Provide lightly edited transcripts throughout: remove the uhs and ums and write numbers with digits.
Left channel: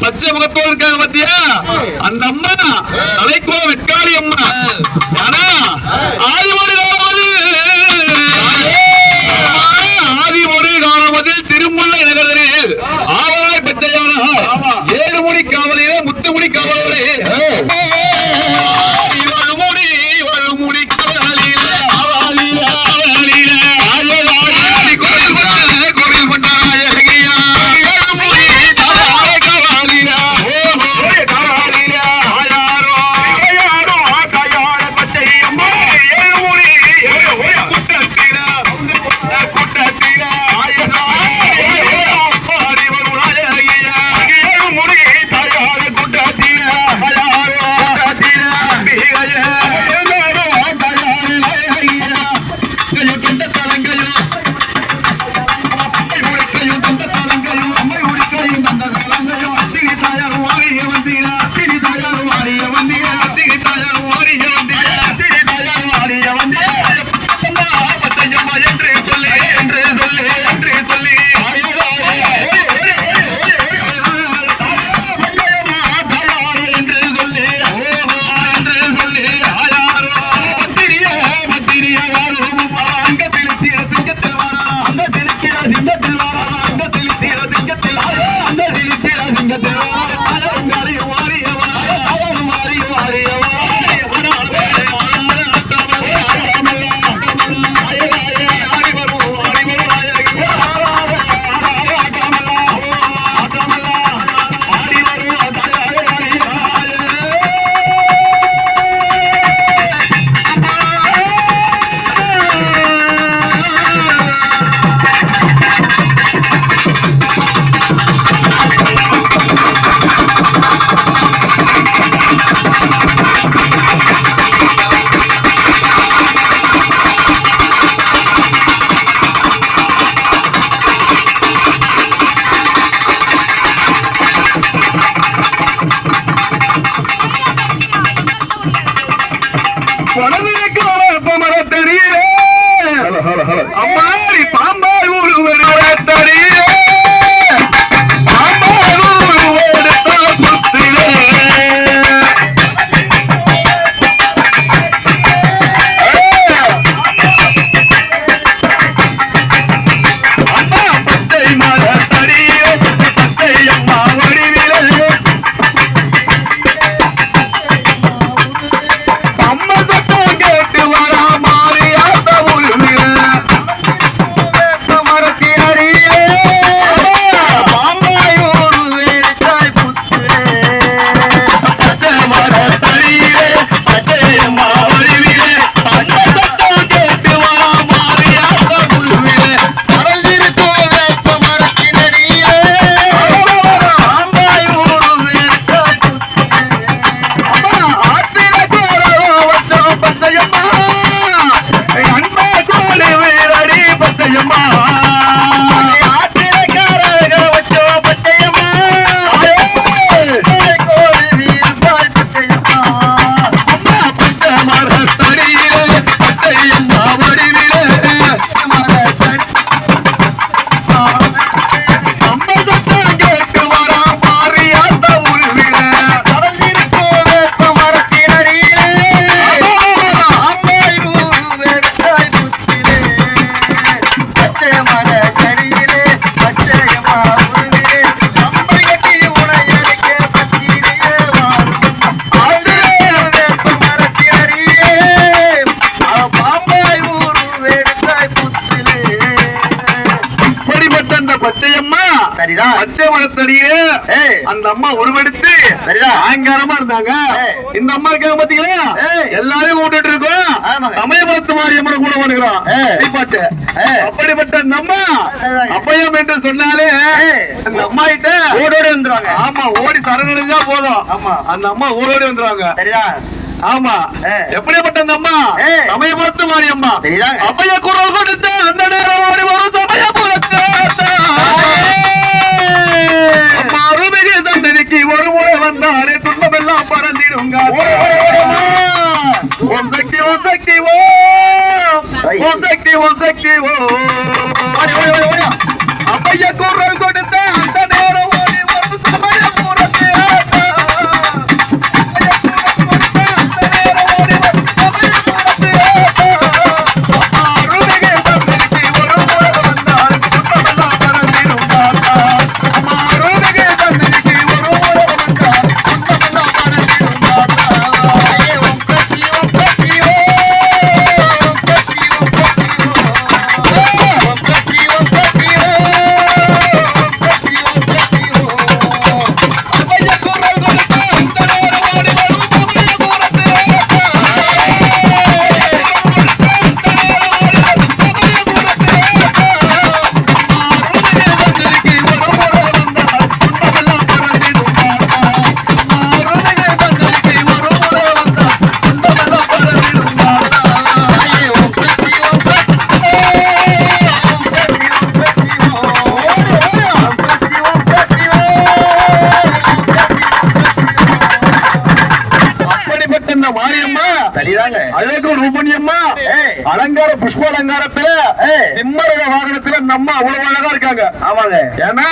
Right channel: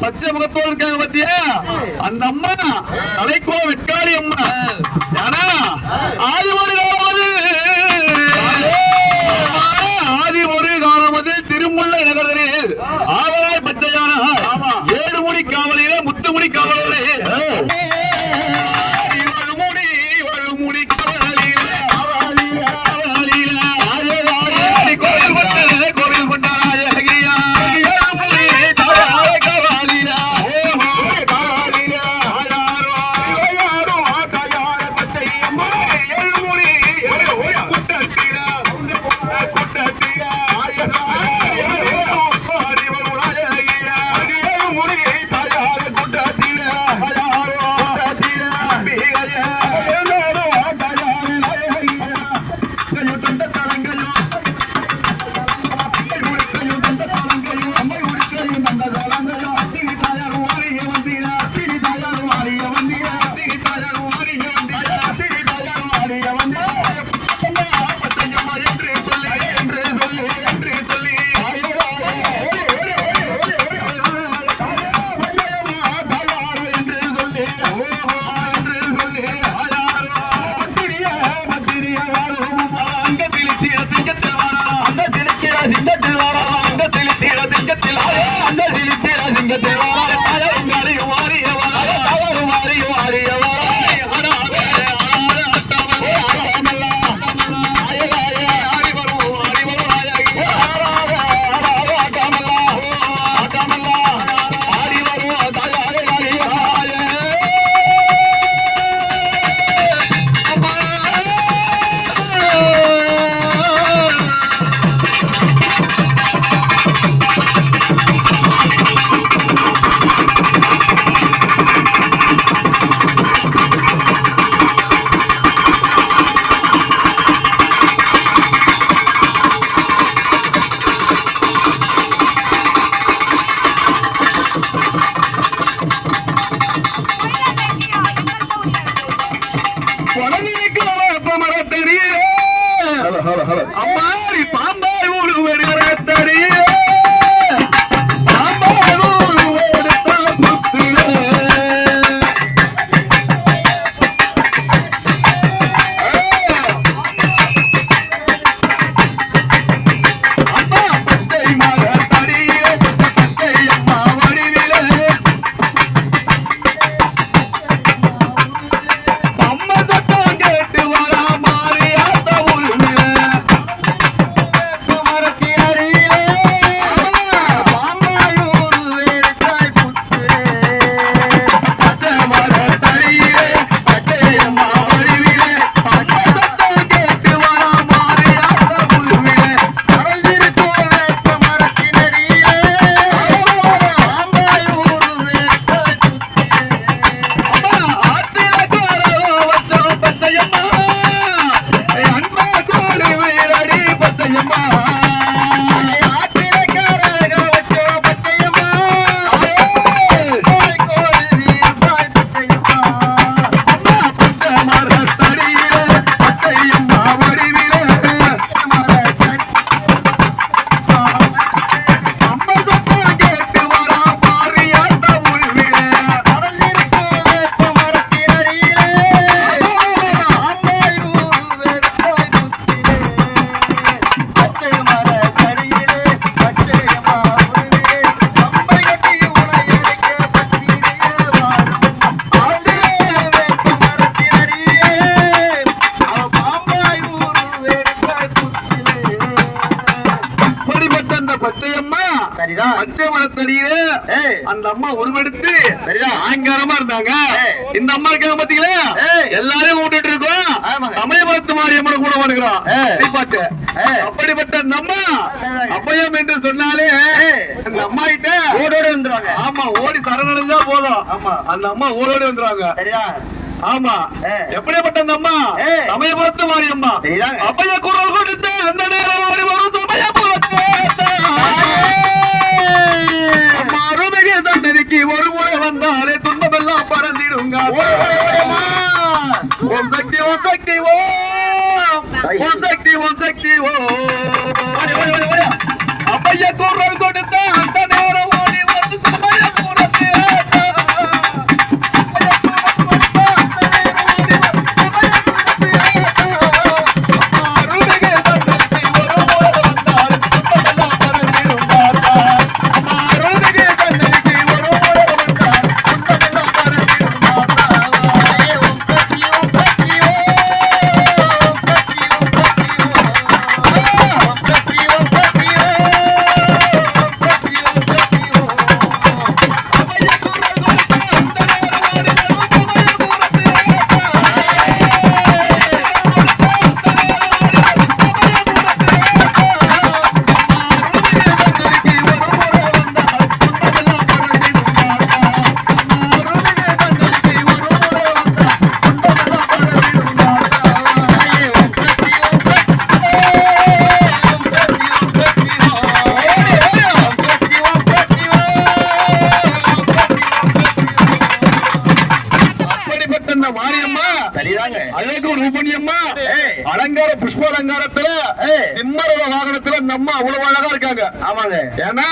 பச்சை முகத்தோடு இருக்காங்க பத்தியா அந்த அம்மா தலைக்கோ வெக்காளி அம்மா ஆதி ஒரு காலமதில் திருமுல்லை நகரில் ஆவலாய் பச்சையான 7 மணி காவலிலே முத்துமணி காவலரே பச்சை மரத்தடியே அந்த அம்மா உருவெடுத்து அலங்காரமா இருந்தாங்க. இந்த அம்மா இருக்காங்க பாத்தீங்களா, எல்லாரையும் கூட்டிட்டு இருக்கோம். சமயபுரத்து மாரியம்மன் கூட வருகிறோம். அப்படிப்பட்ட அந்த அம்மா அப்பயம் என்று சொன்னாலே அந்த அம்மா கிட்ட ஓடோடி வந்துருவாங்க. ஆமா, ஓடி சரணடைஞ்சா போதும். ஆமா, அந்த அம்மா ஓடோடி வந்துருவாங்க. ஆமா, எப்படிப்பட்ட அந்த அம்மா சமயபுரத்து மாரியம்மா அப்பய குரல் கொடுத்த அந்த நேரம் ஓடி வரும் சமயபுரத்து அம்மா அருமிகு தந்தனைக்கு ஒரு முறை வந்தாலே துன்பமெல்லாம் பறந்திடுங்க. ஓம் சக்தி ஓம் சக்தி ஓம் சக்தி ஓம் சக்தி அப்பைய குரல் கொடுத்த அந்த நேரம் ஓடி வந்து சமயபுரத்து அலங்கார புஷ்ப அலங்காரத்துல சிம்மரக வாகனத்துல நம்ம அவ்வளவு அழகா இருக்காங்க. ஆமாங்க, ஏன்னா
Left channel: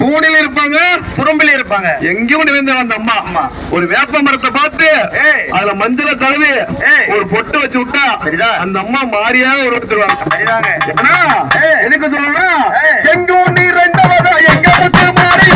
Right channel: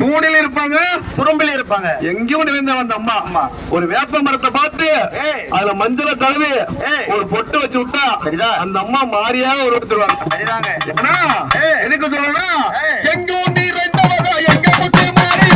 தூணில இருப்பாங்க, புறம்பில இருப்பாங்க, எங்கேயும் நிறைந்தாங்க அந்த அம்மா. அம்மா ஒரு வேப்ப மரத்தை பார்த்து அதுல மஞ்சள கழுவி ஒரு பொட்டு வச்சு விட்டா அந்த அம்மா மாறியாக உருவத்துருவாங்க. ஏன்னா எனக்கு சொல்லுங்க, எங்க ஒண்ணு ரெண்டாவதா எங்க முத்து மாறி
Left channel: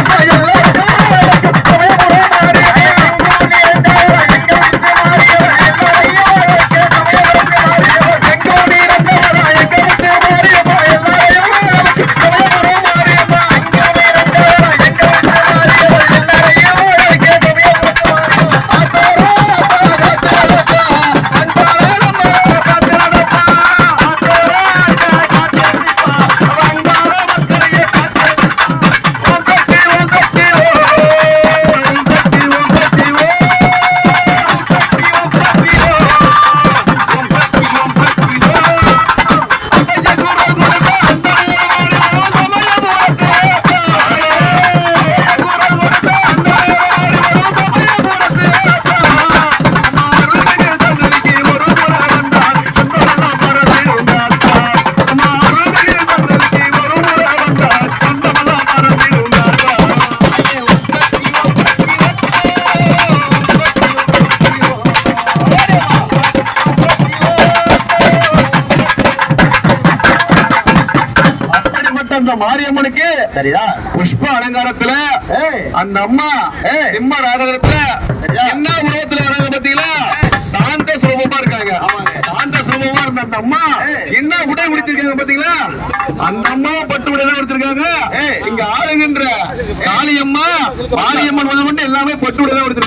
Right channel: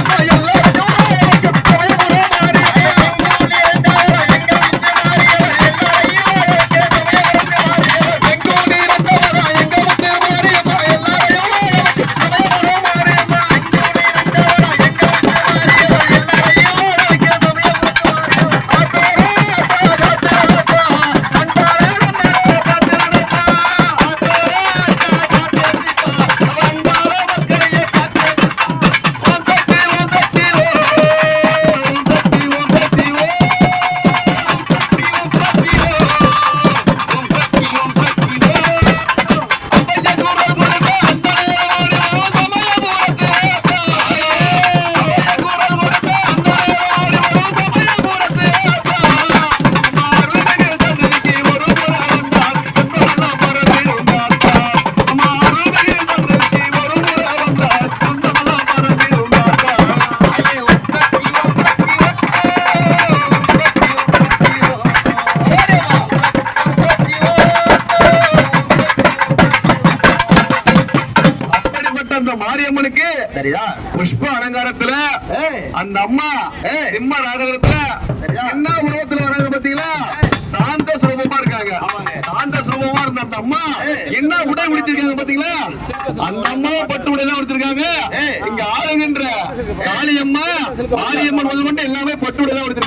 மாரியம்மனுக்கு புஷ்ப அலங்காரத்துல அந்த அம்மா சிம்ம நாடகத்துல என்ன உருவத்துல வராங்க பாத்தீங்களா, சாந்த சுரூபமா இருக்காங்க. சாந்த சுரூபமா இருந்த அந்த அம்மா என்ன உடை உடுத்திருக்காங்க பாத்தீங்களா, அந்த அம்மா பட்டு உடை தான் உடுத்திருக்காங்க. இங்க ஆளுகின்ற காளியம்மா மாரியம்மன் வந்து எல்லாமே பட்டு உடை தான் உடுத்திருக்காங்க.